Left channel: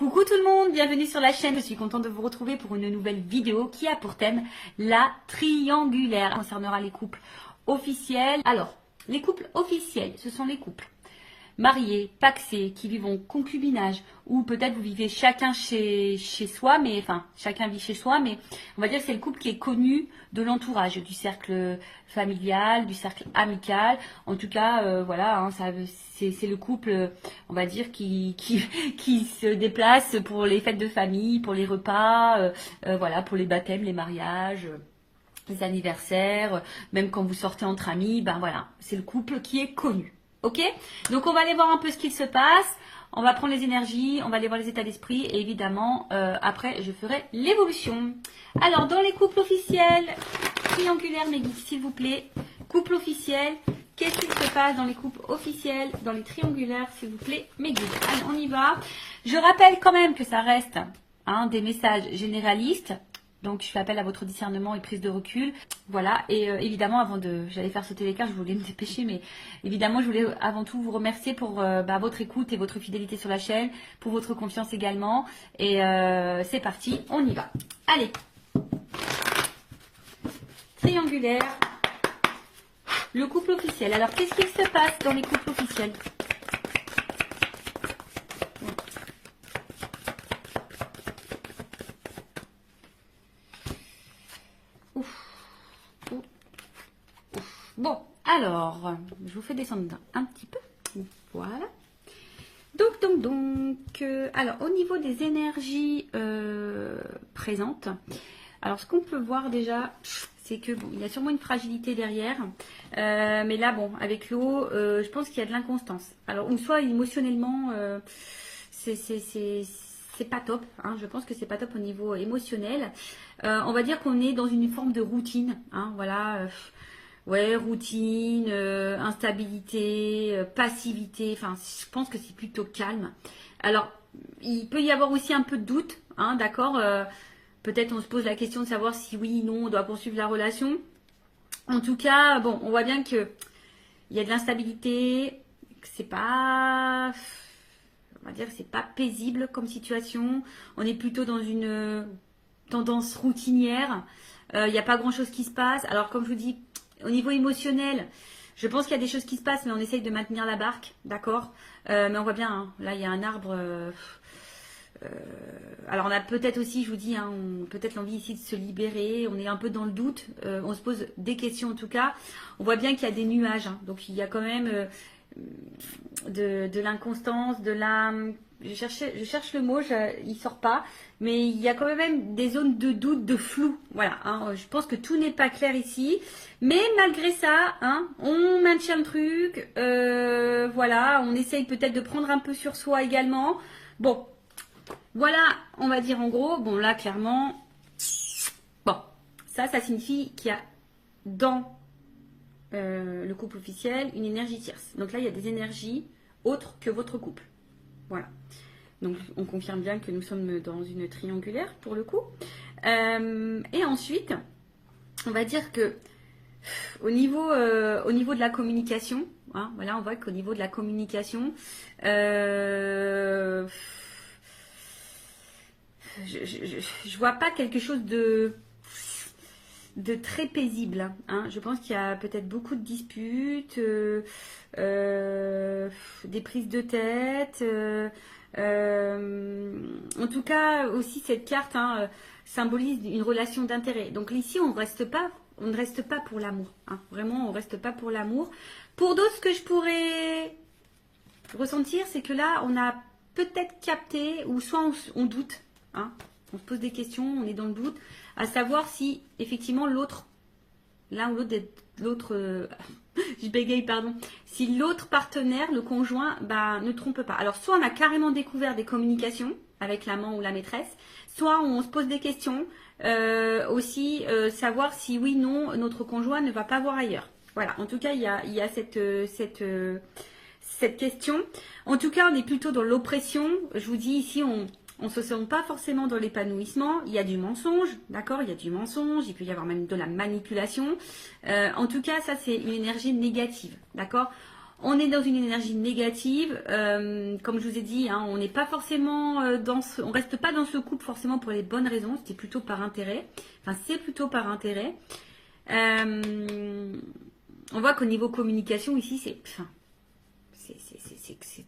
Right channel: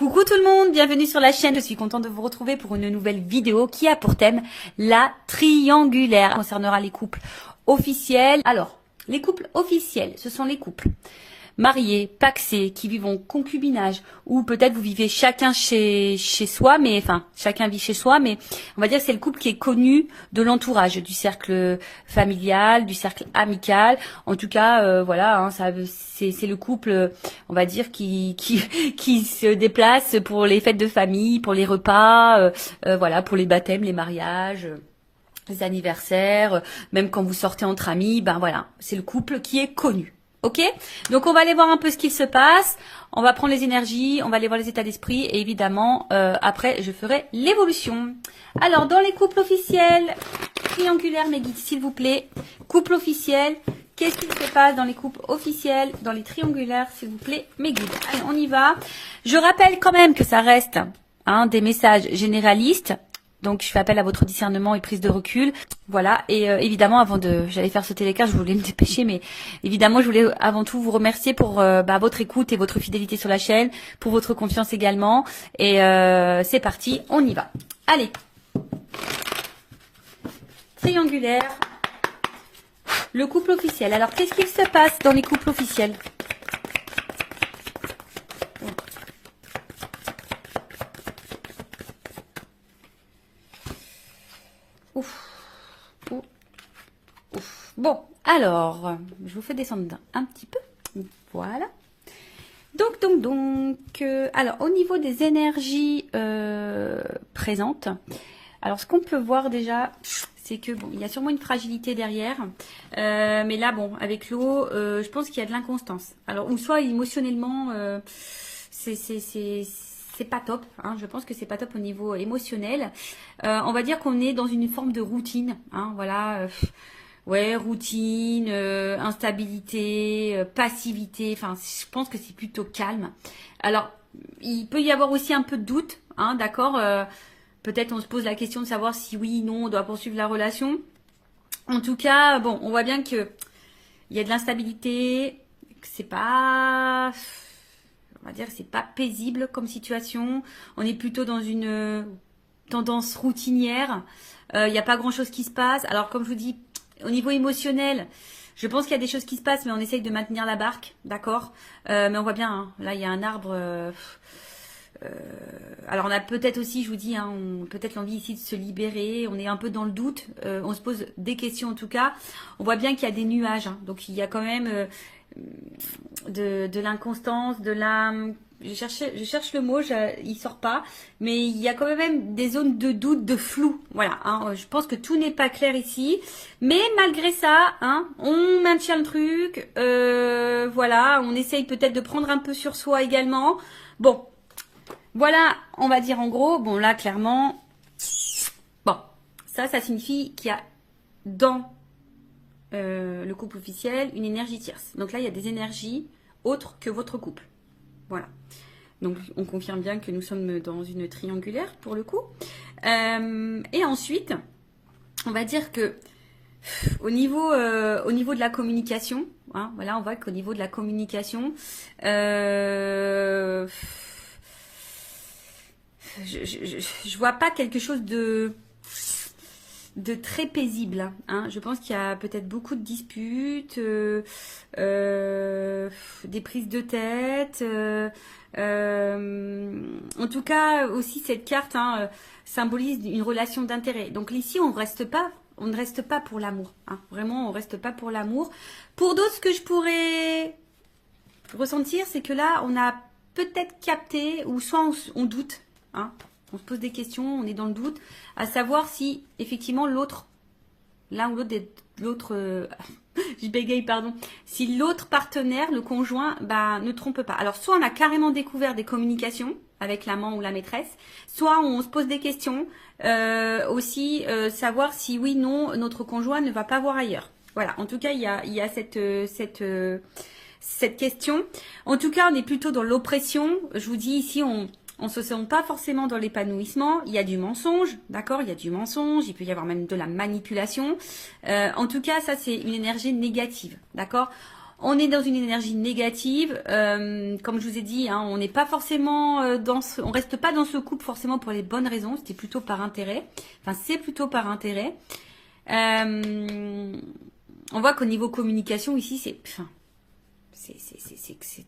Coucou tout le monde, bienvenue sur la chaîne. Je suis contente de vous retrouver pour une nouvelle vidéo qui a pour thème la triangulaire. Ça concernera les couples officiels. Alors, les couples officiels, ce sont les couples mariés, pacsés, qui vivent en concubinage, ou peut-être vous vivez chacun chez soi, mais enfin chacun vit chez soi, mais on va dire que c'est le couple qui est connu de l'entourage, du cercle familial, du cercle amical. En tout cas, voilà, hein, c'est le couple, on va dire, qui se déplace pour les fêtes de famille, pour les repas, voilà, pour les baptêmes, les mariages. Les anniversaires, même quand vous sortez entre amis, ben voilà, c'est le couple qui est connu. Ok, donc on va aller voir un peu ce qu'il se passe, on va prendre les énergies, on va aller voir les états d'esprit et évidemment après je ferai l'évolution. Alors dans les couples officiels, triangulaires mes guides s'il vous plaît, couple officiel, qu'est-ce qu'il se passe dans les couples officiels, dans les triangulaires s'il vous plaît mes guides. Allez, on y va. Je rappelle quand même que ça reste des messages généralistes. Donc, je fais appel à votre discernement et prise de recul. Voilà. Et évidemment, j'allais faire sauter les cartes, je voulais me dépêcher, mais évidemment, je voulais avant tout vous remercier pour votre écoute et votre fidélité sur la chaîne, pour votre confiance également. Et c'est parti, on y va. Allez. Triangulaire. Le couple officiel. Alors, qu'est-ce qu'il se passe dans les couples officiels ? Bon, alors, je vous fais descendre un petit peu. Voilà. Donc, alors, au niveau des énergies présentes, alors, ce qu'on peut voir déjà, c'est que, bon, il y a sûrement une fragilité derrière. Mais là, bon, avec l'eau, je pense qu'il y a de l'inconstance. Alors, ou soit émotionnellement, c'est pas top, hein, je pense que c'est pas top au niveau émotionnel. On va dire qu'on est dans une forme de routine, hein, voilà. Ouais, routine, instabilité, passivité, enfin, je pense que c'est plutôt calme. Alors, il peut y avoir aussi un peu de doute, hein, d'accord. Peut-être on se pose la question de savoir si oui, non, on doit poursuivre la relation. En tout cas, bon, on voit bien que il y a de l'instabilité, que c'est pas, on va dire que c'est pas paisible comme situation. On est plutôt dans une tendance routinière. Il n'y a pas grand-chose qui se passe. Alors, comme je vous dis, au niveau émotionnel, je pense qu'il y a des choses qui se passent, mais on essaye de maintenir la barque, d'accord. Mais on voit bien, hein, là, il y a un arbre. Alors, on a peut-être aussi, je vous dis, hein, peut-être l'envie ici de se libérer. On est un peu dans le doute. On se pose des questions, en tout cas. On voit bien qu'il y a des nuages. Hein, donc, il y a quand même de l'inconstance, de la... Je cherche le mot, il sort pas, mais il y a quand même des zones de doute, de flou. Voilà, hein, je pense que tout n'est pas clair ici, mais malgré ça, hein, on maintient le truc. Voilà, on essaye peut-être de prendre un peu sur soi également. Bon, voilà, on va dire en gros. Bon, là, clairement, bon, ça signifie qu'il y a dans le couple officiel une énergie tierce. Donc là, il y a des énergies autres que votre couple. Voilà. Donc, on confirme bien que nous sommes dans une triangulaire pour le coup. Et ensuite, on va dire que au niveau de la communication, hein, voilà, on voit qu'au niveau de la communication, je vois pas quelque chose de très paisible, hein. Je pense qu'il y a peut-être beaucoup de disputes, des prises de tête. En tout cas, aussi cette carte symbolise une relation d'intérêt. Donc ici, on ne reste pas pour l'amour. Hein. Vraiment, on ne reste pas pour l'amour. Pour d'autres, ce que je pourrais ressentir, c'est que là, on a peut-être capté, ou soit on doute, hein. On se pose des questions, on est dans le doute, à savoir si effectivement l'autre, l'un ou l'autre, je bégaye, pardon, si l'autre partenaire, le conjoint, ne trompe pas. Alors, soit on a carrément découvert des communications avec l'amant ou la maîtresse, soit on se pose des questions, aussi savoir si oui, non, notre conjoint ne va pas voir ailleurs. Voilà, en tout cas, il y a cette question. En tout cas, on est plutôt dans l'oppression. Je vous dis ici, on ne se sent pas forcément dans l'épanouissement. Il y a du mensonge, d'accord. Il y a du mensonge, il peut y avoir même de la manipulation. En tout cas, ça, c'est une énergie négative, d'accord. On est dans une énergie négative, comme je vous ai dit, hein, on n'est pas forcément on reste pas dans ce couple forcément pour les bonnes raisons, c'était plutôt par intérêt. Enfin, c'est plutôt par intérêt. On voit qu'au niveau communication ici, c'est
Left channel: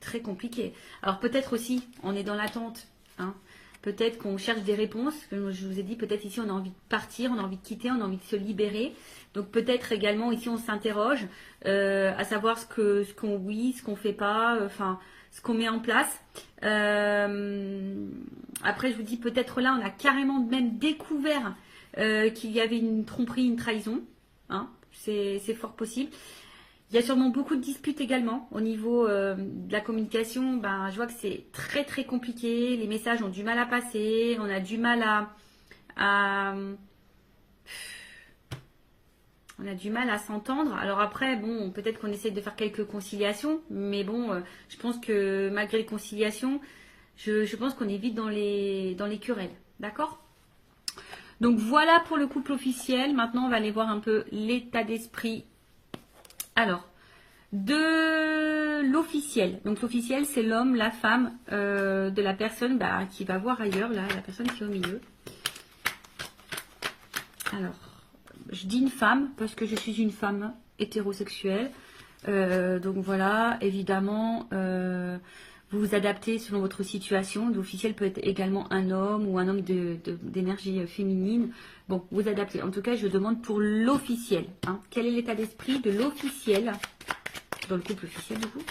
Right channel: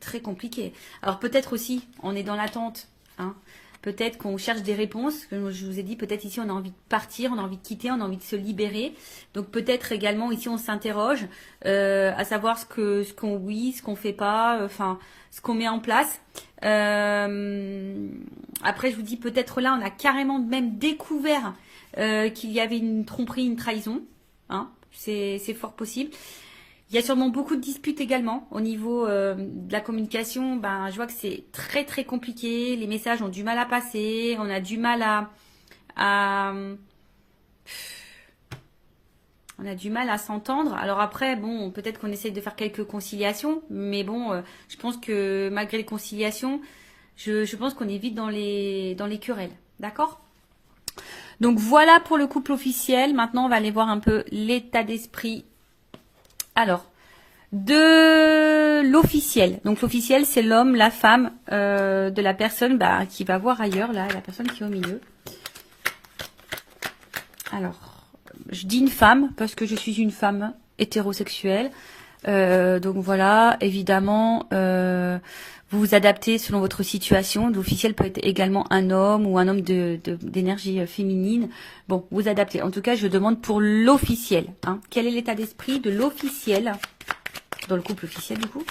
très compliqué. Alors peut-être aussi, on est dans l'attente, hein. Peut-être qu'on cherche des réponses. Comme je vous ai dit, peut-être ici on a envie de partir, on a envie de quitter, on a envie de se libérer. Donc peut-être également ici on s'interroge à savoir ce qu'on fait pas, enfin ce qu'on met en place. Après je vous dis peut-être là on a carrément même découvert qu'il y avait une tromperie, une trahison. Hein, c'est fort possible. Il y a sûrement beaucoup de disputes également au niveau de la communication. Ben, je vois que c'est très très compliqué. Les messages ont du mal à passer. On a du mal on a du mal à s'entendre. Alors après, bon, peut-être qu'on essaie de faire quelques conciliations. Mais bon, je pense que malgré les conciliations, je pense qu'on est vite dans les querelles. D'accord ? Donc voilà pour le couple officiel. Maintenant, on va aller voir un peu l'état d'esprit. Alors, de l'officiel. Donc l'officiel, c'est l'homme, la femme de la personne qui va voir ailleurs, là, la personne qui est au milieu. Alors, je dis une femme parce que je suis une femme hétérosexuelle. Donc voilà, évidemment, vous vous adaptez selon votre situation. L'officiel peut être également un homme ou un homme d'énergie féminine. Bon, vous adaptez. En tout cas, je demande pour l'officiel. Hein. Quel est l'état d'esprit de l'officiel, dans le couple officiel du coup,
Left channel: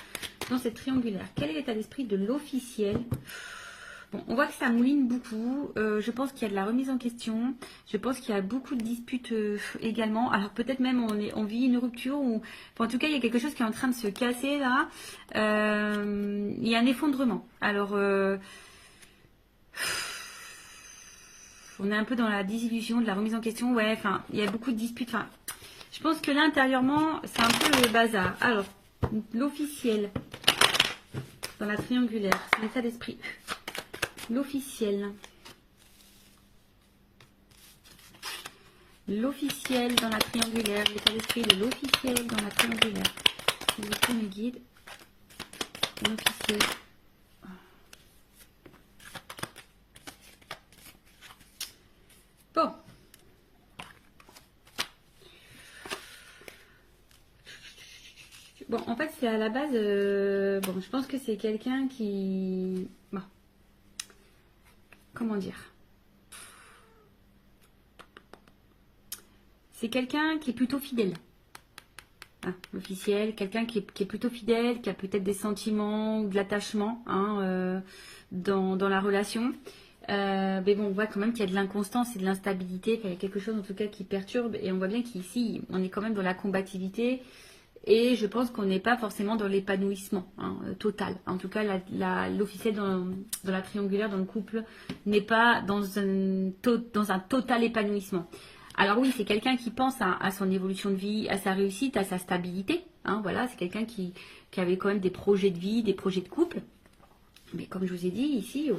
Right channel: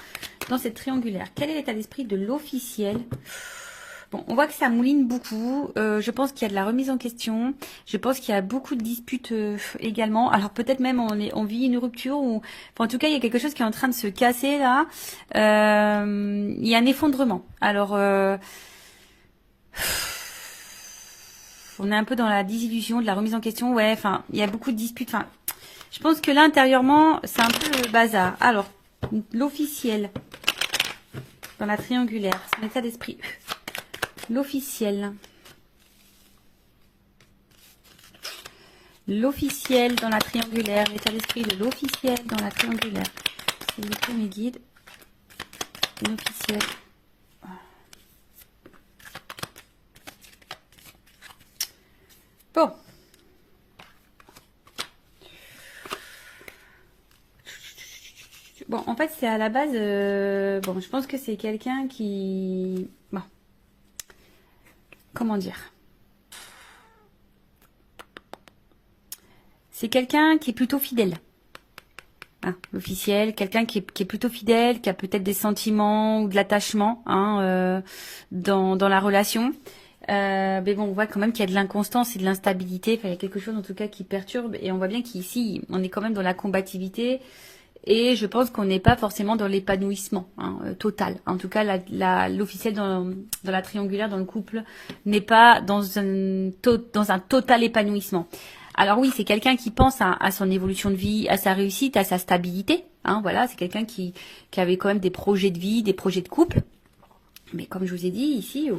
dans cette triangulaire? Quel est l'état d'esprit de l'officiel? Bon, on voit que ça mouline beaucoup. Je pense qu'il y a de la remise en question. Je pense qu'il y a beaucoup de disputes également. Alors peut-être même on vit une rupture ou, enfin, en tout cas, il y a quelque chose qui est en train de se casser là. Il y a un effondrement. Alors, on est un peu dans la désillusion, de la remise en question. Ouais, enfin, il y a beaucoup de disputes. Enfin, je pense que là, intérieurement, c'est un peu le bazar. Alors, l'officiel dans la triangulaire, c'est l'état d'esprit. L'officiel. L'officiel dans la triangulaire. L'état d'esprit de l'officiel dans la triangulaire. C'est les premiers guides. L'officiel. Bon. Bon, en fait, c'est à la base... bon, je pense que c'est quelqu'un qui... Bon. Comment dire? C'est quelqu'un qui est plutôt fidèle. Hein, l'officiel, quelqu'un qui est plutôt fidèle, qui a peut-être des sentiments ou de l'attachement hein, dans la relation. Mais bon, on voit quand même qu'il y a de l'inconstance et de l'instabilité. Enfin, il y a quelque chose en tout cas qui perturbe. Et on voit bien qu'ici, on est quand même dans la combativité. Et je pense qu'on n'est pas forcément dans l'épanouissement hein, total. En tout cas, l'officiel dans la triangulaire, dans le couple, n'est pas dans un total épanouissement. Alors oui, c'est quelqu'un qui pense à son évolution de vie, à sa réussite, à sa stabilité. Hein, voilà, c'est quelqu'un qui avait quand même des projets de vie, des projets de couple. Mais comme je vous ai dit ici...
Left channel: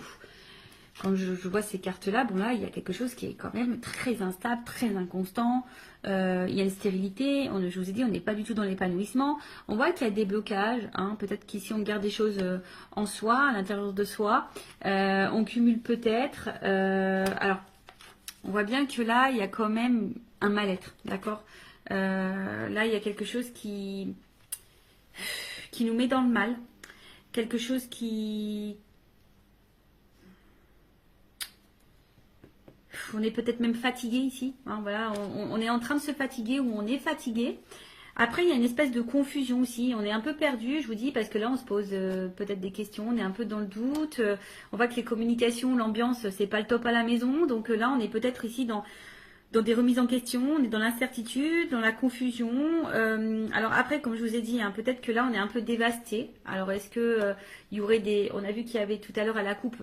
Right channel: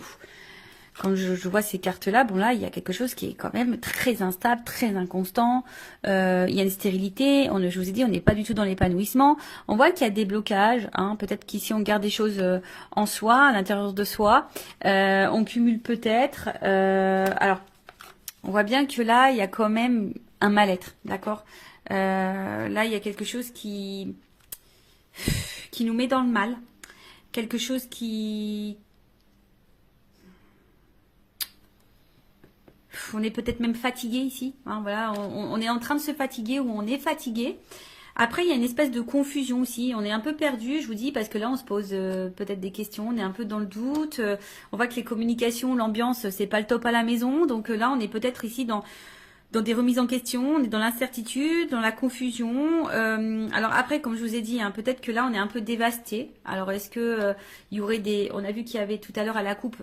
Quand je vois ces cartes-là, bon là, il y a quelque chose qui est quand même très instable, très inconstant. Il y a une stérilité. Je vous ai dit, on n'est pas du tout dans l'épanouissement. On voit qu'il y a des blocages. Hein, peut-être qu'ici, on garde des choses en soi, à l'intérieur de soi. On cumule peut-être. Alors, on voit bien que là, il y a quand même un mal-être. D'accord là, il y a quelque chose qui nous met dans le mal. Quelque chose qui... On est peut-être même fatigué ici. Hein, voilà, on est en train de se fatiguer ou on est fatigué. Après, il y a une espèce de confusion aussi. On est un peu perdu, je vous dis, parce que là, on se pose peut-être des questions. On est un peu dans le doute. On voit que les communications, l'ambiance, c'est pas le top à la maison. Donc là, on est peut-être ici dans des remises en question. On est dans l'incertitude, dans la confusion. Alors après, comme je vous ai dit, hein, peut-être que là, on est un peu dévasté. Alors, est-ce que il y aurait des... On a vu qu'il y avait tout à l'heure à la coupe...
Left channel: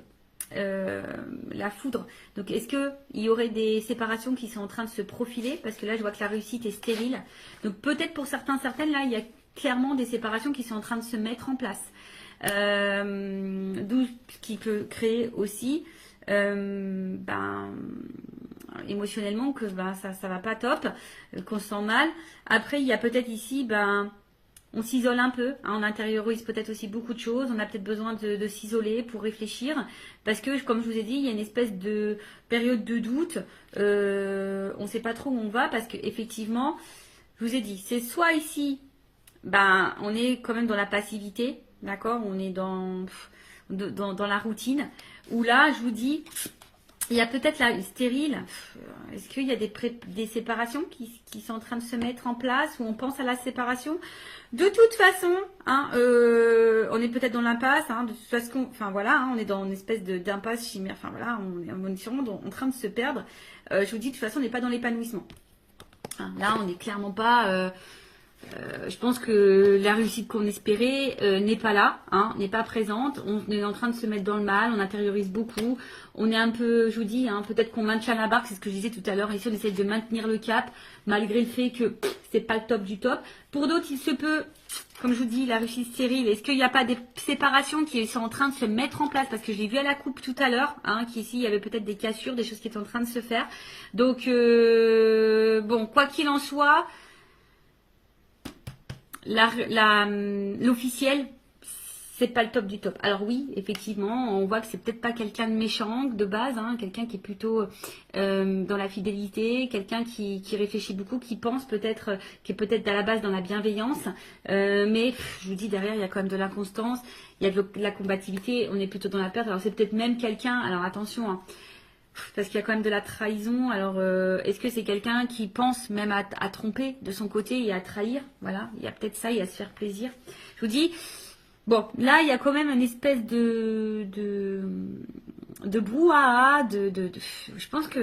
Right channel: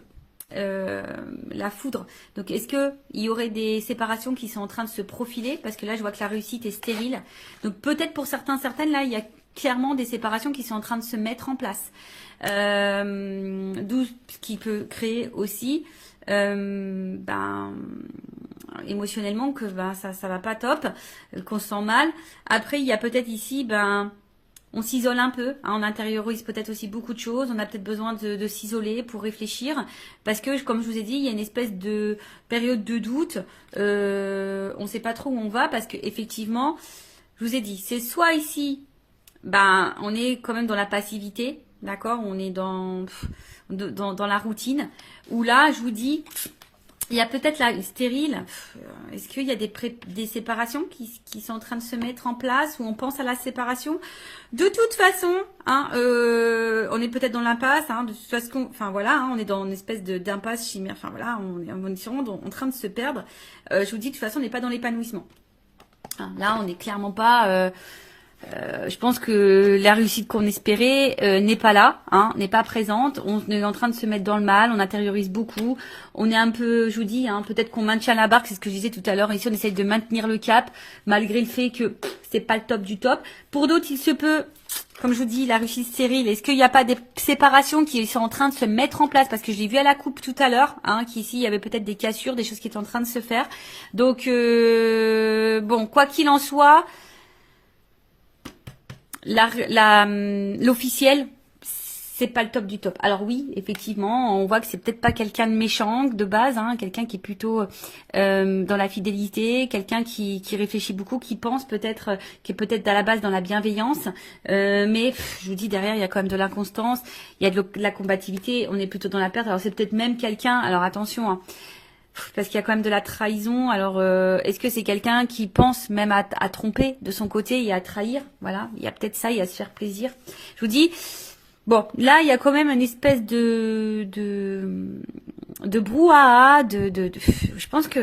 la foudre. Donc est-ce que il y aurait des séparations qui sont en train de se profiler? Parce que là je vois que la réussite est stérile. Donc peut-être pour certaines là il y a clairement des séparations qui sont en train de se mettre en place. D'où ce qui peut créer aussi émotionnellement que ça va pas top, qu'on se sent mal. Après il y a peut-être ici on s'isole un peu, hein, on intériorise peut-être aussi beaucoup de choses, on a peut-être besoin de s'isoler pour réfléchir, parce que comme je vous ai dit, il y a une espèce de période de doute, on ne sait pas trop où on va, parce que effectivement, je vous ai dit, c'est soit ici, ben on est quand même dans la passivité, d'accord, on est dans la routine, où là, je vous dis, il y a peut-être la stérile. Est-ce qu'il y a des séparations qui sont en train de se mettre en place ou on pense à la séparation? De toute façon, hein, on est peut-être dans l'impasse. Hein, de toute façon, enfin voilà, hein, on est dans une espèce d'impasse chimère. Enfin voilà, on est sûrement en train de se perdre. Je vous dis, de toute façon, on n'est pas dans l'épanouissement. Hein, là, on n'est clairement pas. Je pense que la réussite qu'on espérait n'est pas là, hein, n'est pas présente. On est en train de se mettre dans le mal, on intériorise beaucoup. On est un peu, je vous dis, hein, peut-être qu'on maintient la barque, c'est ce que je disais tout à l'heure. Ici, on essaye de maintenir le cap, malgré le fait que c'est pas le top du top. Pour d'autres, il se peut, comme je vous dis, la réussite stérile. Est-ce qu'il n'y a pas des séparations qui sont en train de se mettre en place? Parce que je l'ai vu à la coupe tout à l'heure, hein, qu'ici, il y avait peut-être des cassures, des choses qui étaient en train de se faire. Donc, bon, quoi qu'il en soit, l'officiel, c'est pas le top du top. Alors oui, effectivement, on voit que c'est peut-être pas quelqu'un de méchant de base, hein, quelqu'un qui est plutôt dans la fidélité, quelqu'un qui réfléchit beaucoup, qui pense peut-être, qui est peut-être à la base dans la bienveillance, mais je vous dis derrière il y a quand même de l'inconstance, il y a de la combativité, on est plutôt dans la perte. Alors c'est peut-être même quelqu'un, alors attention, hein, parce qu'il y a quand même de la trahison. Alors, est-ce que c'est quelqu'un qui pense même à tromper de son côté et à trahir? Voilà, il y a peut-être ça, il y a à se faire plaisir. Je vous dis, bon, là, il y a quand même une espèce de brouhaha, je pense que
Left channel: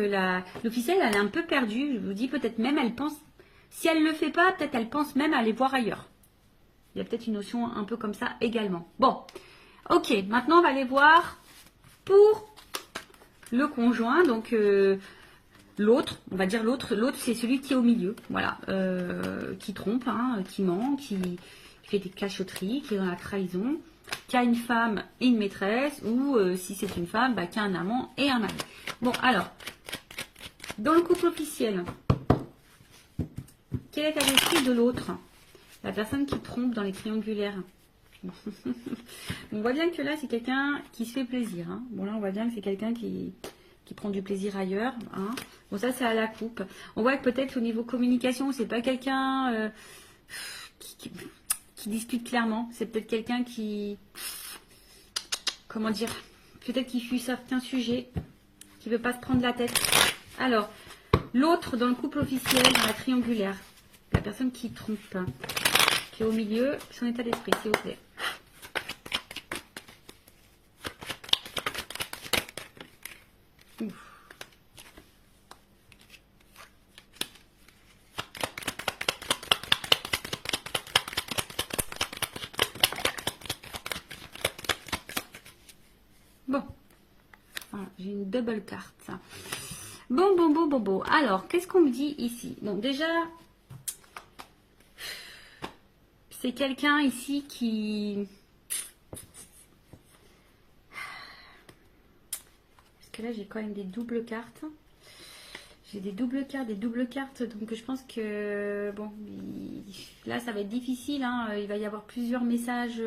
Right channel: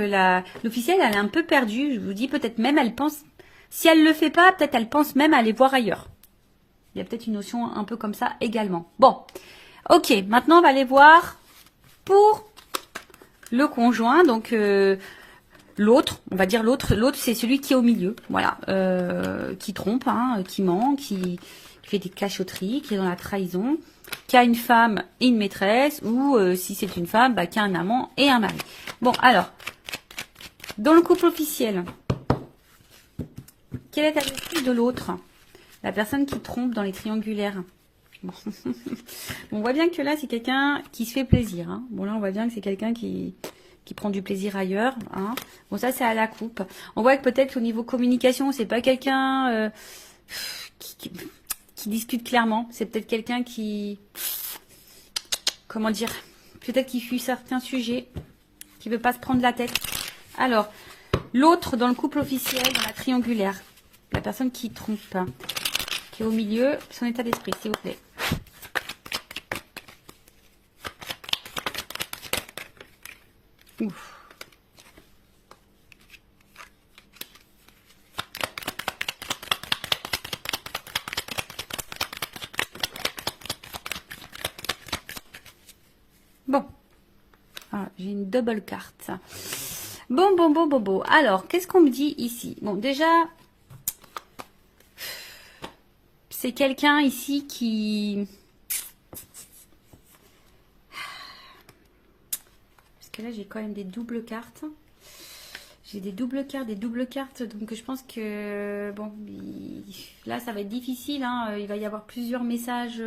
l'officielle, elle est un peu perdue. Je vous dis, peut-être même, elle pense, si elle le fait pas, peut-être elle pense même à aller voir ailleurs. Il y a peut-être une notion un peu comme ça également. Bon, ok, maintenant, on va aller voir pour le conjoint, donc l'autre, on va dire l'autre c'est celui qui est au milieu, voilà, qui trompe, hein, qui ment, qui fait des cachotteries, qui est dans la trahison, qui a une femme et une maîtresse, ou si c'est une femme, bah, qui a un amant et un mari. Bon, alors, dans le couple officiel, quel est l'esprit de l'autre? La personne qui trompe dans les triangulaires. Bon. On voit bien que là, c'est quelqu'un qui se fait plaisir. Hein. Bon, là, on voit bien que c'est quelqu'un qui prend du plaisir ailleurs. Hein. Bon, ça, c'est à la coupe. On voit que peut-être au niveau communication, c'est pas quelqu'un qui discute clairement. C'est peut-être quelqu'un qui... Comment dire? Peut-être qui fuit certains sujets, qui veut pas se prendre la tête. Alors, l'autre dans le couple officiel, dans la triangulaire, la personne qui trompe, qui est au milieu, son état d'esprit, s'il vous plaît. Ouf. Bon. Ah, j'ai une double carte. Bon. Alors, qu'est-ce qu'on me dit ici? Bon, déjà, c'est quelqu'un ici qui... Parce que là, j'ai quand même des doubles cartes. J'ai des doubles cartes. Donc, je pense que... Bon, là, ça va être difficile. Hein. Il va y avoir plusieurs messages...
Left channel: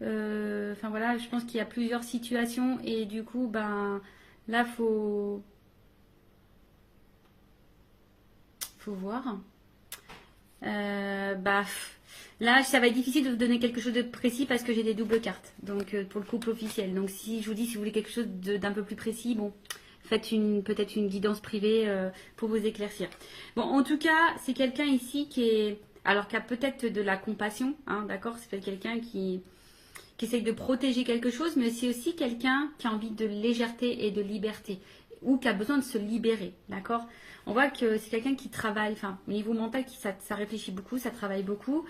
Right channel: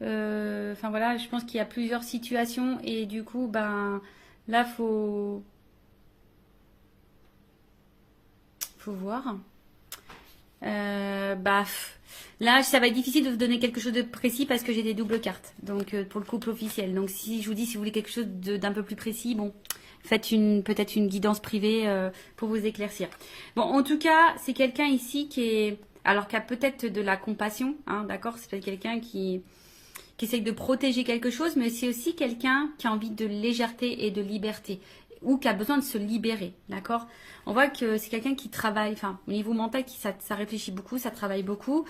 Enfin, voilà, je pense qu'il y a plusieurs situations. Et du coup, ben... Là, faut voir. Là, ça va être difficile de vous donner quelque chose de précis parce que j'ai des doubles cartes. Donc, pour le couple officiel. Donc, si je vous dis, si vous voulez quelque chose d'un peu plus précis, bon, faites peut-être une guidance privée pour vous éclaircir. Bon, en tout cas, c'est quelqu'un ici qui a peut-être de la compassion, hein, d'accord? C'est peut-être quelqu'un qui essaye de protéger quelque chose, mais c'est aussi quelqu'un qui a envie de légèreté et de liberté, ou qui a besoin de se libérer, d'accord? On voit que c'est quelqu'un qui travaille, enfin, au niveau mental, ça réfléchit beaucoup, ça travaille beaucoup.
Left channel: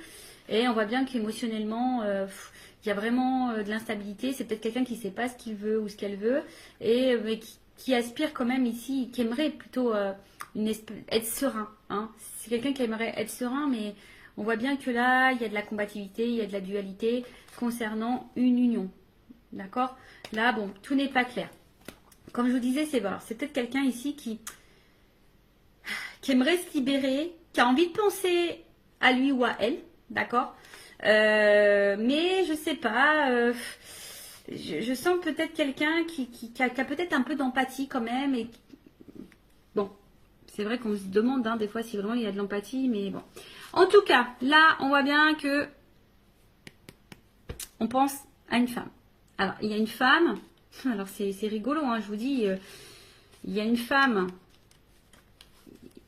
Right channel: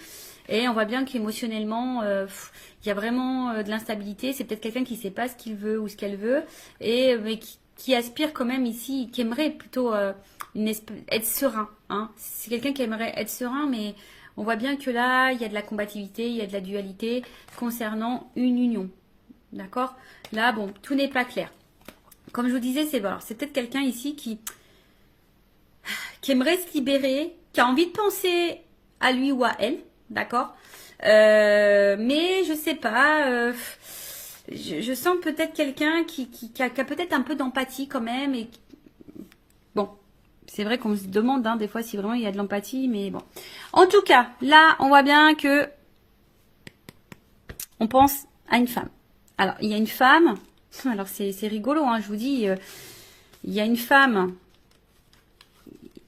Et on voit bien qu'émotionnellement, il y a vraiment de l'instabilité. C'est peut-être quelqu'un qui ne sait pas ce qu'il veut ou ce qu'elle veut, mais qui aspire quand même ici, qui aimerait plutôt être serein. Hein. C'est quelqu'un qui aimerait être serein, mais on voit bien que là, il y a de la combativité, il y a de la dualité concernant une union. D'accord? Là, bon, tout n'est pas clair. Comme je vous disais, c'est peut-être quelqu'un ici qui aimerait se libérer, qui a envie de penser à lui ou à elle, d'accord. Mais je sais pas, je sens peut-être quelqu'un qui a peut-être un peu d'empathie quand même. Et bon, c'est vrai qu'on se demande hein, des fois si vraiment il y a de l'empathie, mais bon. En tout cas, là, on voit bien que on pense à une femme. Alors, il y a une femme, alors c'est rigolo, hein, je vous dis, il y a une femme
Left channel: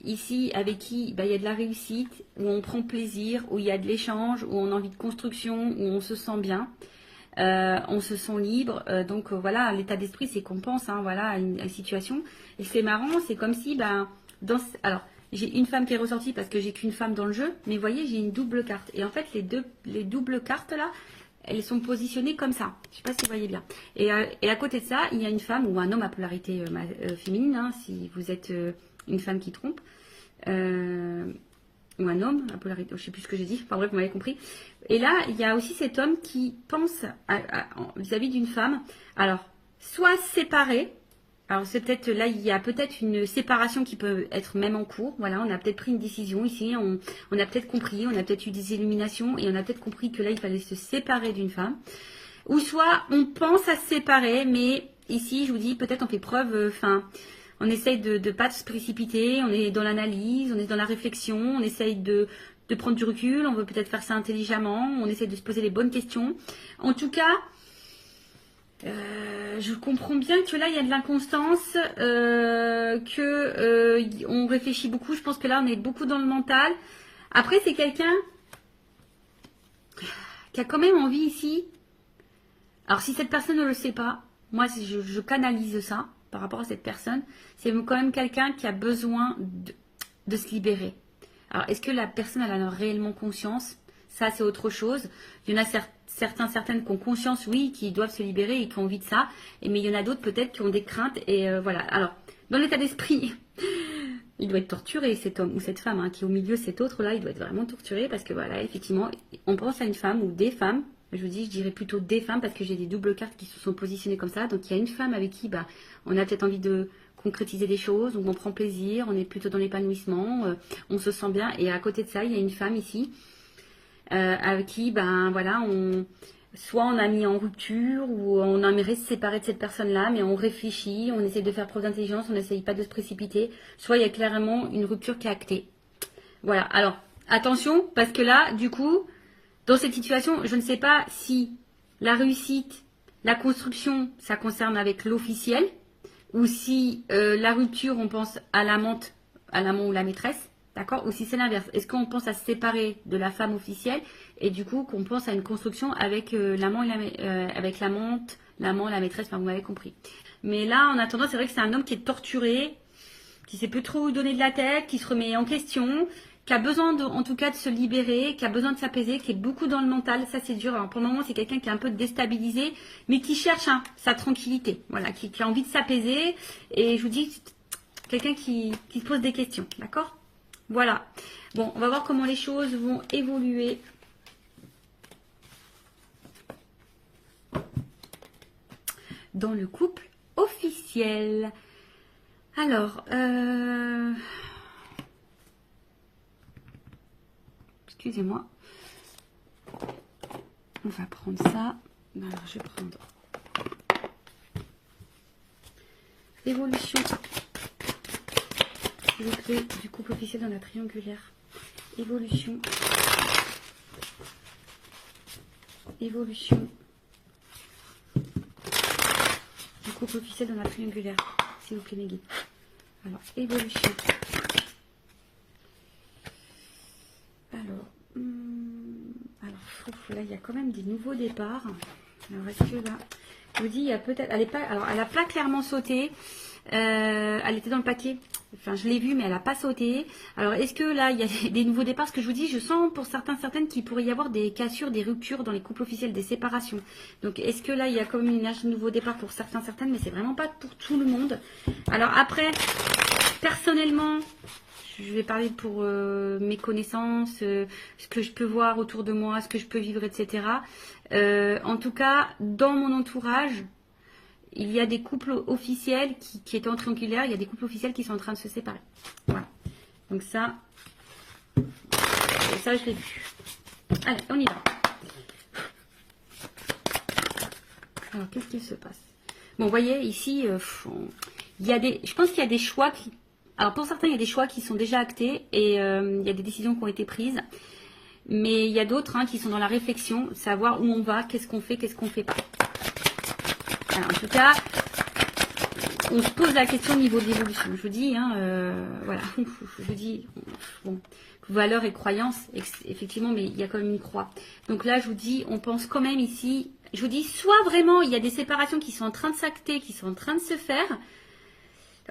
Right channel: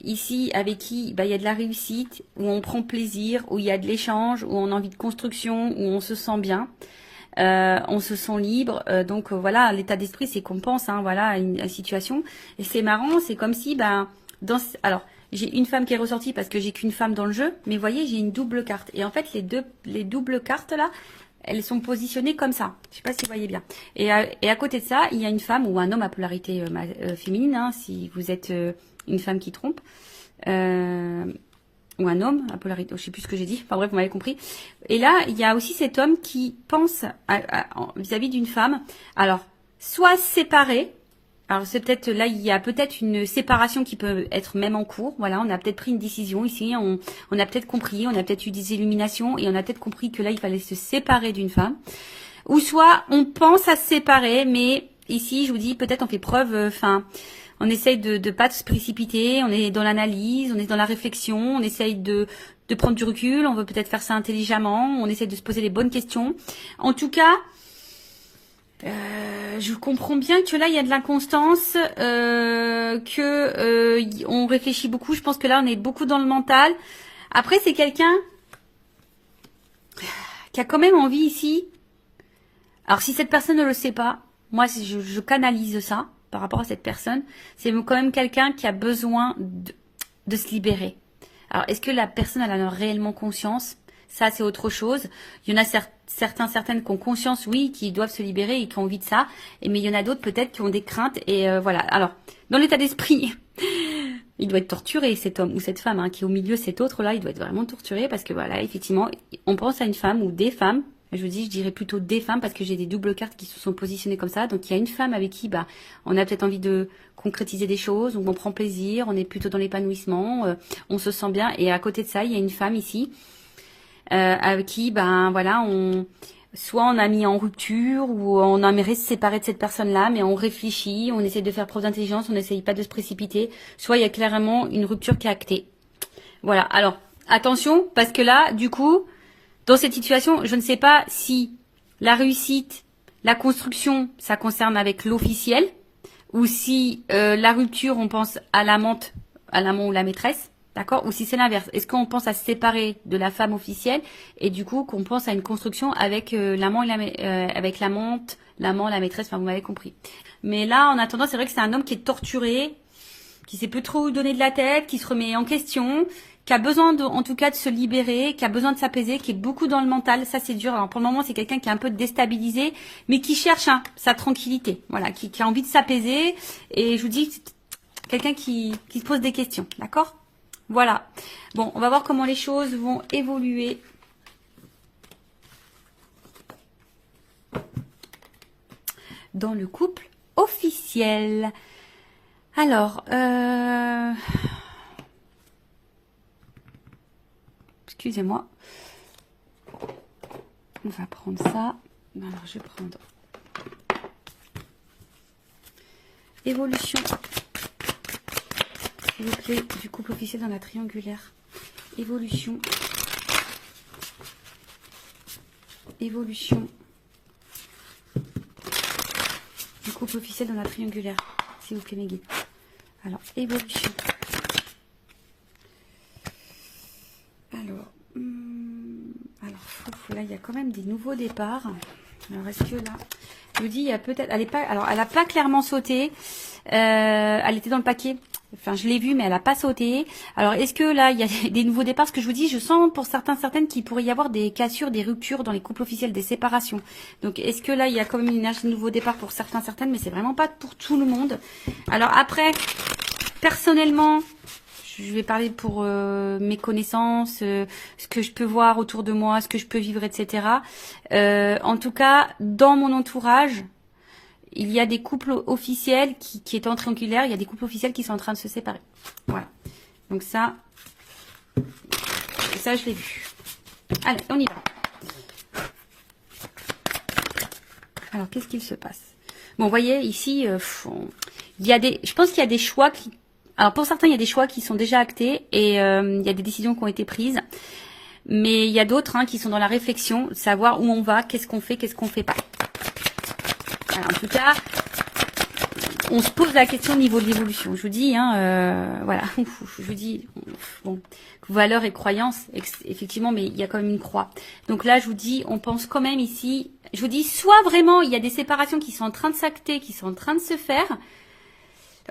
ici avec qui bah, il y a de la réussite, où on prend plaisir, où il y a de l'échange, où on a envie de construction, où on se sent bien. On se sent libre, donc voilà, l'état d'esprit c'est qu'on pense hein, voilà, à une situation. Et c'est marrant, c'est comme si, bah, alors j'ai une femme qui est ressortie parce que j'ai qu'une femme dans le jeu, mais vous voyez, j'ai une double carte. Et en fait, les doubles cartes là, elles sont positionnées comme ça. Je sais pas si vous voyez bien. Et à côté de ça, il y a une femme ou un homme à polarité féminine, hein, si vous êtes une femme qui trompe. Ou un homme, à polarité, je sais plus ce que j'ai dit, enfin bref, vous m'avez compris. Et là, il y a aussi cet homme qui pense vis-à-vis d'une femme, alors, soit séparé, alors c'est peut-être, là, il y a peut-être une séparation qui peut être même en cours, voilà, on a peut-être pris une décision ici, on a peut-être compris, on a peut-être eu des illuminations, et on a peut-être compris que là, il fallait se séparer d'une femme, ou soit on pense à se séparer, mais ici, je vous dis, peut-être on fait preuve, on essaye de ne pas se précipiter, on est dans l'analyse, on est dans la réflexion, on essaye de prendre du recul, on veut peut-être faire ça intelligemment, on essaye de se poser les bonnes questions. En tout cas, je comprends bien que là, il y a de l'inconstance, on réfléchit beaucoup. Je pense que là, on est beaucoup dans le mental. Après, c'est quelqu'un qui a quand même envie ici. Alors, si cette personne ne le sait pas, moi, je canalise ça par rapport à cette personne, c'est quand même quelqu'un qui a besoin de se libérer. Alors, est-ce que la personne elle en a réellement conscience? Ça, c'est autre chose. Il y en a certaines qui ont conscience, oui, qui doivent se libérer et qui ont envie de ça. Mais il y en a d'autres peut-être qui ont des craintes. Et voilà. Alors, dans l'état d'esprit, il doit être torturé, cet homme ou cette femme hein, qui est au milieu, cet autre-là, il doit être vraiment torturé parce que voilà, effectivement, on pense à une femme ou des femmes. Je dirais plutôt des femmes parce que j'ai des doubles cartes qui se sont positionnées comme ça. Donc, il y a une femme avec qui bah, on a peut-être envie de concrétiser des choses, où on prend plaisir, on est plutôt dans l'épanouissement, on se sent bien. Et à côté de ça, il y a une femme ici avec qui, ben voilà, soit on a mis en rupture ou on aimerait se séparer de cette personne-là, mais on réfléchit, on essaie de faire preuve d'intelligence, on n'essaye pas de se précipiter. Soit il y a clairement une rupture qui est actée. Voilà. Alors attention parce que là, du coup. Dans cette situation, je ne sais pas si la réussite, la construction, ça concerne avec l'officiel, ou si la rupture, on pense à l'amant ou la maîtresse, d'accord? Ou si c'est l'inverse. Est-ce qu'on pense à se séparer de la femme officielle et du coup qu'on pense à une construction avec l'amant avec l'amante, l'amant, la maîtresse, enfin vous m'avez compris. Mais là, en attendant, c'est vrai que c'est un homme qui est torturé, qui sait plus trop où donner de la tête, qui se remet en question, qui a besoin en tout cas de se libérer, qui a besoin de s'apaiser, qui est beaucoup dans le mental, ça c'est dur. Alors pour le moment c'est quelqu'un qui est un peu déstabilisé, mais qui cherche sa tranquillité, voilà, qui a envie de s'apaiser. Et je vous dis, quelqu'un qui se pose des questions, d'accord? Voilà. Bon, on va voir comment les choses vont évoluer. Dans le couple officiel. Alors, excusez-moi. On va prendre ça. Non, alors, je vais prendre évolution, s'il vous plaît, du couple officiel dans la triangulaire. Évolution. Évolution. Du couple officiel dans la triangulaire. S'il vous plaît, mes guides. Alors, évolution. Là, il y a quand même des nouveaux départs. Alors, est-ce que là, je vous dis, il y a peut-être, elle a pas clairement sauté. Elle était dans le paquet. Enfin, je l'ai vue, mais elle n'a pas sauté. Alors, est-ce que là, il y a des nouveaux départs? Ce que je vous dis, je sens pour certaines qu'il pourrait y avoir des cassures, des ruptures dans les couples officiels, des séparations. Donc, est-ce que là, il y a quand même une énergie de nouveau départ pour certaines, mais c'est vraiment pas pour tout le monde. Alors après, personnellement, je vais parler pour mes connaissances, ce que je peux voir autour de moi, ce que je peux vivre, etc. En tout cas, dans mon entourage, il y a des couples officiels qui est en triangulaire, il y a des couples officiels qui sont en train de se séparer. Voilà. Donc ça je l'ai vu. Allez, on y va. Alors, qu'est-ce qu'il se passe? Bon, vous voyez, ici, il y a je pense qu'il y a des choix qui... Alors, pour certains, il y a des choix qui sont déjà actés et il y a des décisions qui ont été prises. Mais il y a d'autres qui sont dans la réflexion, savoir où on va, qu'est-ce qu'on fait pas. Alors, en tout cas, on se pose la question au niveau de l'évolution. Je vous dis, voilà, je vous dis, bon, valeurs et croyances, effectivement, mais il y a quand même une croix. Donc là, je vous dis, on pense quand même ici, je vous dis, soit vraiment, il y a des séparations qui sont en train de s'acter, qui sont en train de se faire.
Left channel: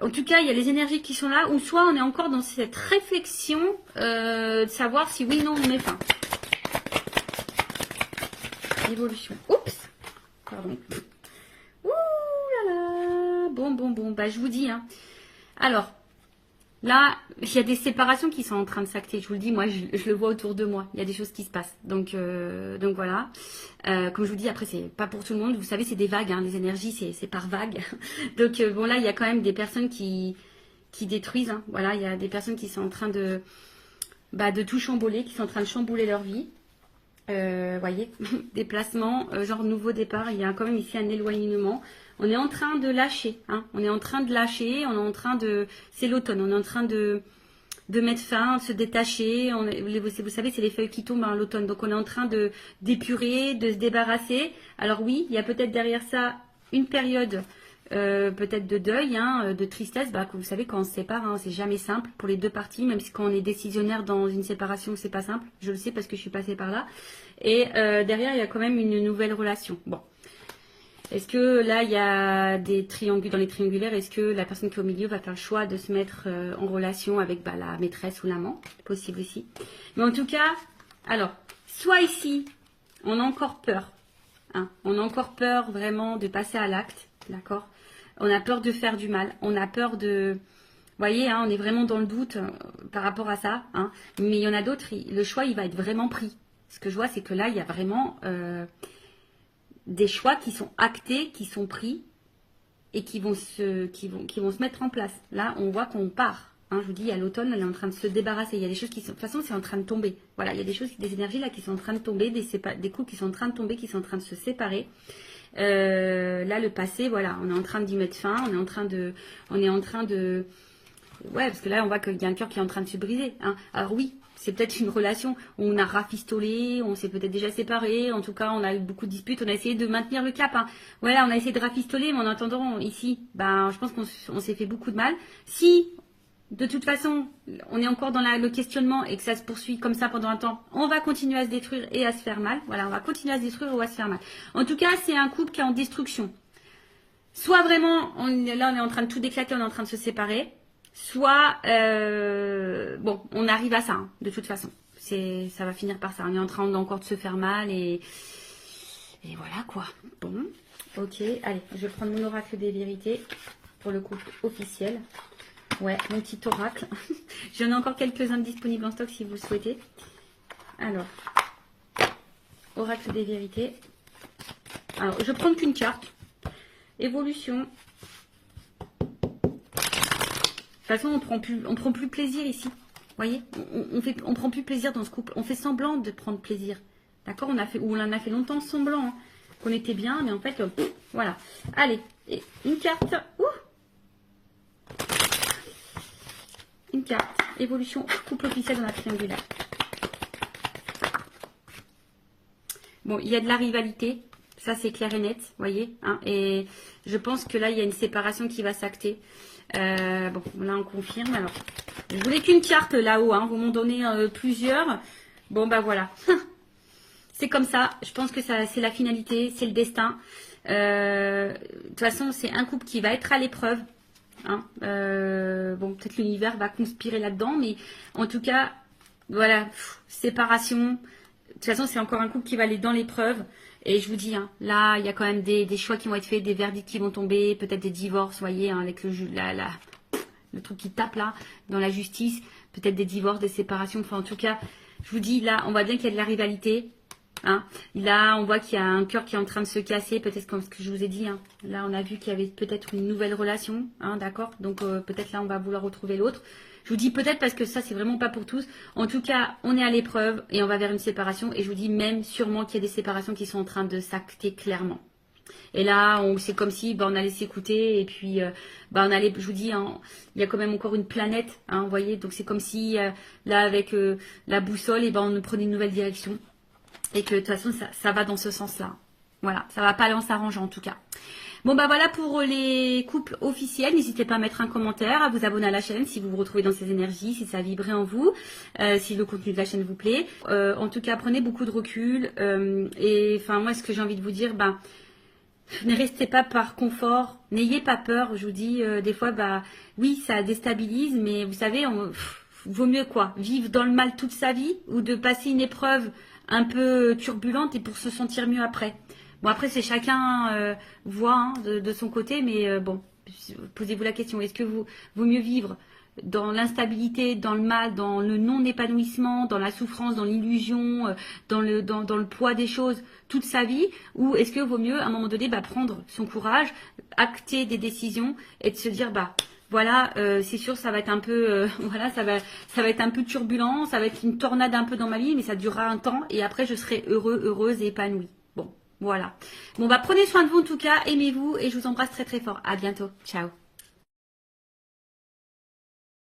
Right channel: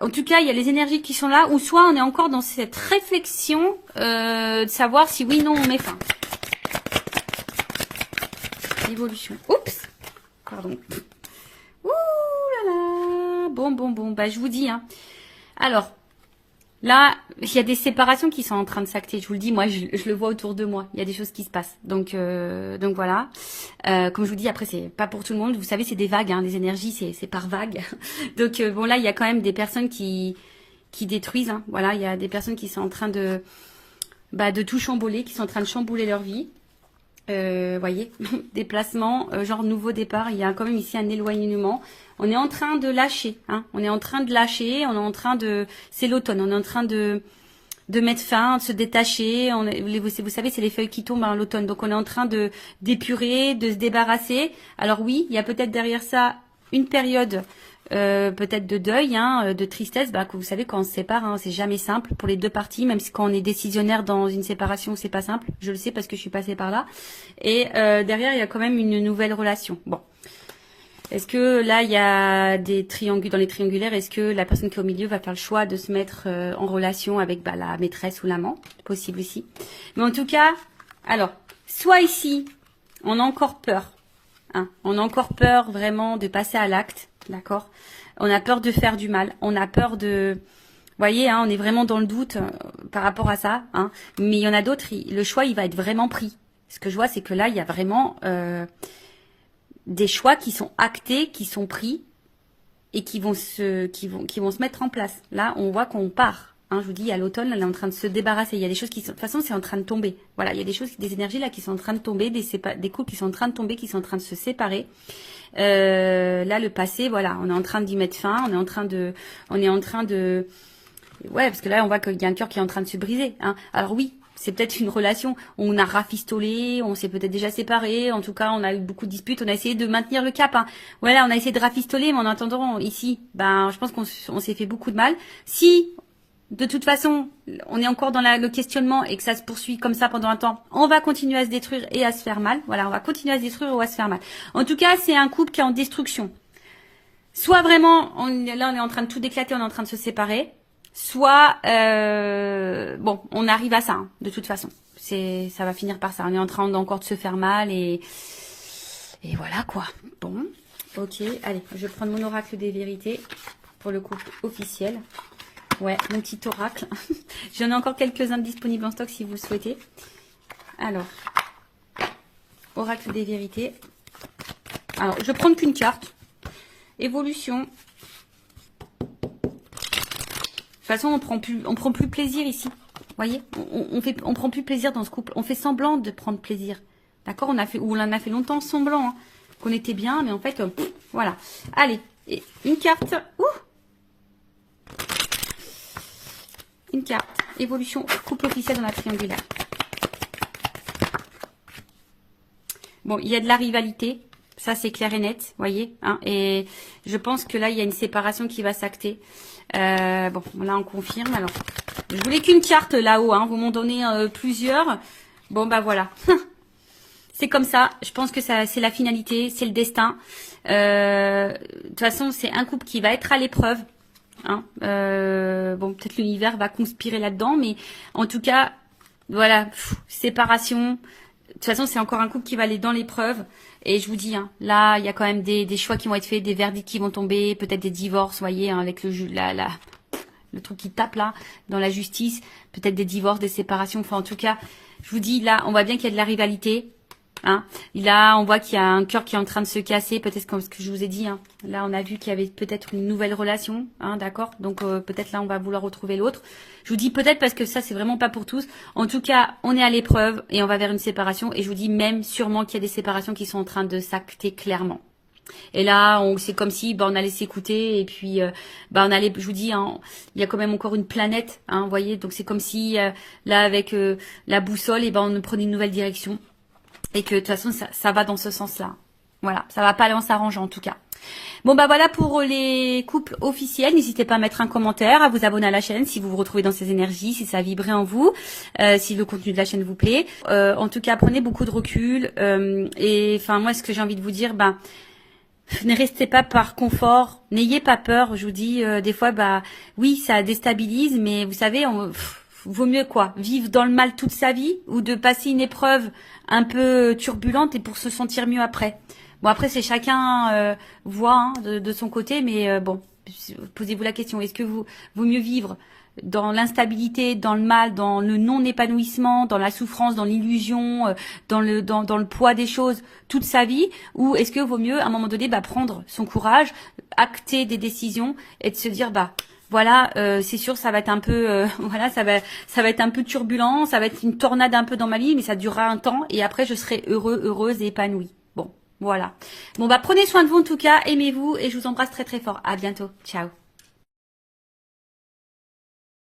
En tout cas, il y a les énergies qui sont là, ou soit on est encore dans cette réflexion de savoir si oui, non, on met fin. Évolution. Oups. Pardon. Ouh là là. Bon. Bah, je vous dis. Alors, là, il y a des séparations qui sont en train de s'acter. Je vous le dis, moi, je le vois autour de moi. Il y a des choses qui se passent. Donc voilà. Comme je vous dis, après, c'est pas pour tout le monde. Vous savez, c'est des vagues. Les énergies, c'est par vagues. Donc, bon, là, il y a quand même des personnes qui détruisent. Voilà, il y a des personnes qui sont en train de tout chambouler, qui sont en train de chambouler leur vie. Voyez, déplacement, genre nouveau départ. Il y a quand même ici un éloignement. On est en train de lâcher, on est en train de lâcher, on est en train de... C'est l'automne, on est en train de mettre fin, de se détacher. Vous savez, c'est les feuilles qui tombent l'automne. Donc, on est en train d'épurer, de se débarrasser. Alors oui, il y a peut-être derrière ça une période peut-être de deuil, de tristesse. Que vous savez, quand on se sépare, c'est jamais simple pour les deux parties. Même si quand on est décisionnaire dans une séparation, c'est pas simple. Je le sais parce que je suis passée par là. Et derrière, il y a quand même une nouvelle relation. Bon. Est-ce que là, il y a des triangulaires, dans les triangulaires, est-ce que la personne qui est au milieu va faire le choix de se mettre en relation avec la maîtresse ou l'amant? Possible ici. Mais en tout cas, alors, soit ici, on a encore peur. On a encore peur vraiment de passer à l'acte, d'accord? On a peur de faire du mal. On a peur de... Vous voyez, on est vraiment dans le doute par rapport à ça. Mais il y en a d'autres, le choix, il va être vraiment pris. Ce que je vois, c'est que là, il y a vraiment... des choix qui sont actés, qui sont pris et qui vont se mettre en place. Là, on voit qu'on part. Je vous dis, à l'automne, elle est en train de se débarrasser. Il y a des choses qui sont... De toute façon, c'est en train de tomber. Voilà, il y a des choses, des énergies là qui sont en train de tomber, des couples qui sont en train de tomber, qui sont en train de se séparer. Là, le passé, voilà, on est en train d'y mettre fin. On est en train de... Ouais, parce que là, on voit qu'il y a un cœur qui est en train de se briser. Alors oui, c'est peut-être une relation où on a rafistolé, on s'est peut-être déjà séparés, en tout cas on a eu beaucoup de disputes, on a essayé de maintenir le cap. Voilà, on a essayé de rafistoler, mais en attendant ici, je pense qu'on s'est fait beaucoup de mal. Si, de toute façon, on est encore dans le questionnement et que ça se poursuit comme ça pendant un temps, on va continuer à se détruire et à se faire mal. Voilà, on va continuer à se détruire ou à se faire mal. En tout cas, c'est un couple qui est en destruction. Soit vraiment, là on est en train de tout déclater, on est en train de se séparer. Soit, bon, on arrive à ça, de toute façon. Ça va finir par ça. On est en train encore de se faire mal et voilà quoi. Bon, ok, allez, je vais prendre mon oracle des vérités pour le couple officiel. Ouais, mon petit oracle. J'en ai encore quelques-uns disponibles en stock si vous le souhaitez. Alors, oracle des vérités. Alors, je vais prendre qu'une carte. Évolution. De toute façon, on prend plus plaisir ici. Vous voyez, on prend plus plaisir dans ce couple. On fait semblant de prendre plaisir. D'accord? On en a fait longtemps semblant qu'on était bien, mais en fait, voilà. Allez, et une carte. Une carte. Évolution, couple officiel dans la triangulaire. Bon, il y a de la rivalité. Ça, c'est clair et net, vous voyez. Et je pense que là, il y a une séparation qui va s'acter. Bon, là, on confirme. Alors, je voulais qu'une carte là-haut. Vous m'en donnez plusieurs. Bon, voilà. C'est comme ça. Je pense que c'est la finalité. C'est le destin. De toute façon, c'est un couple qui va être à l'épreuve. Bon, peut-être l'univers va conspirer là-dedans. Mais en tout cas, voilà. Séparation. De toute façon, c'est encore un couple qui va aller dans l'épreuve. Et je vous dis, là, il y a quand même des choix qui vont être faits, des verdicts qui vont tomber, peut-être des divorces, vous voyez, avec le truc qui tape là, dans la justice, peut-être des divorces, des séparations. Enfin, en tout cas, je vous dis, là, on voit bien qu'il y a de la rivalité. Hein. Là, on voit qu'il y a un cœur qui est en train de se casser, peut-être comme ce que je vous ai dit. Hein. Là, on a vu qu'il y avait peut-être une nouvelle relation, hein, d'accord. Donc, peut-être là, on va vouloir retrouver l'autre. Je vous dis peut-être parce que ça, c'est vraiment pas pour tous. En tout cas, on est à l'épreuve et on va vers une séparation. Et je vous dis même sûrement qu'il y a des séparations qui sont en train de s'acter clairement. Et là, c'est comme si on allait s'écouter et puis on allait, je vous dis, hein, il y a quand même encore une planète, hein, vous voyez. Donc, c'est comme si là, avec la boussole, et on prenait une nouvelle direction. Et que de toute façon, ça va dans ce sens-là. Voilà, ça va pas aller en s'arrangeant en tout cas. Bon voilà pour les couples officiels. N'hésitez pas à mettre un commentaire, à vous abonner à la chaîne si vous vous retrouvez dans ces énergies, si ça a vibré en vous, si le contenu de la chaîne vous plaît. En tout cas, prenez beaucoup de recul. Et enfin, moi, ce que j'ai envie de vous dire, ne restez pas par confort, n'ayez pas peur. Je vous dis, des fois, oui, ça déstabilise, mais vous savez, vaut mieux quoi, vivre dans le mal toute sa vie ou de passer une épreuve un peu turbulente et pour se sentir mieux après. Bon, après, c'est chacun voit hein, de son côté, mais bon, posez-vous la question, est-ce que vaut mieux vivre dans l'instabilité, dans le mal, dans le non-épanouissement, dans la souffrance, dans l'illusion, dans le poids des choses toute sa vie, ou est-ce que vaut mieux à un moment donné prendre son courage, acter des décisions et de se dire voilà, c'est sûr, ça va être un peu, voilà, ça va être un peu turbulent, ça va être une tornade un peu dans ma vie, mais ça durera un temps et après je serai heureuse et épanouie. Bon, voilà. Bon prenez soin de vous en tout cas, aimez-vous et je vous embrasse très très fort. À bientôt, ciao.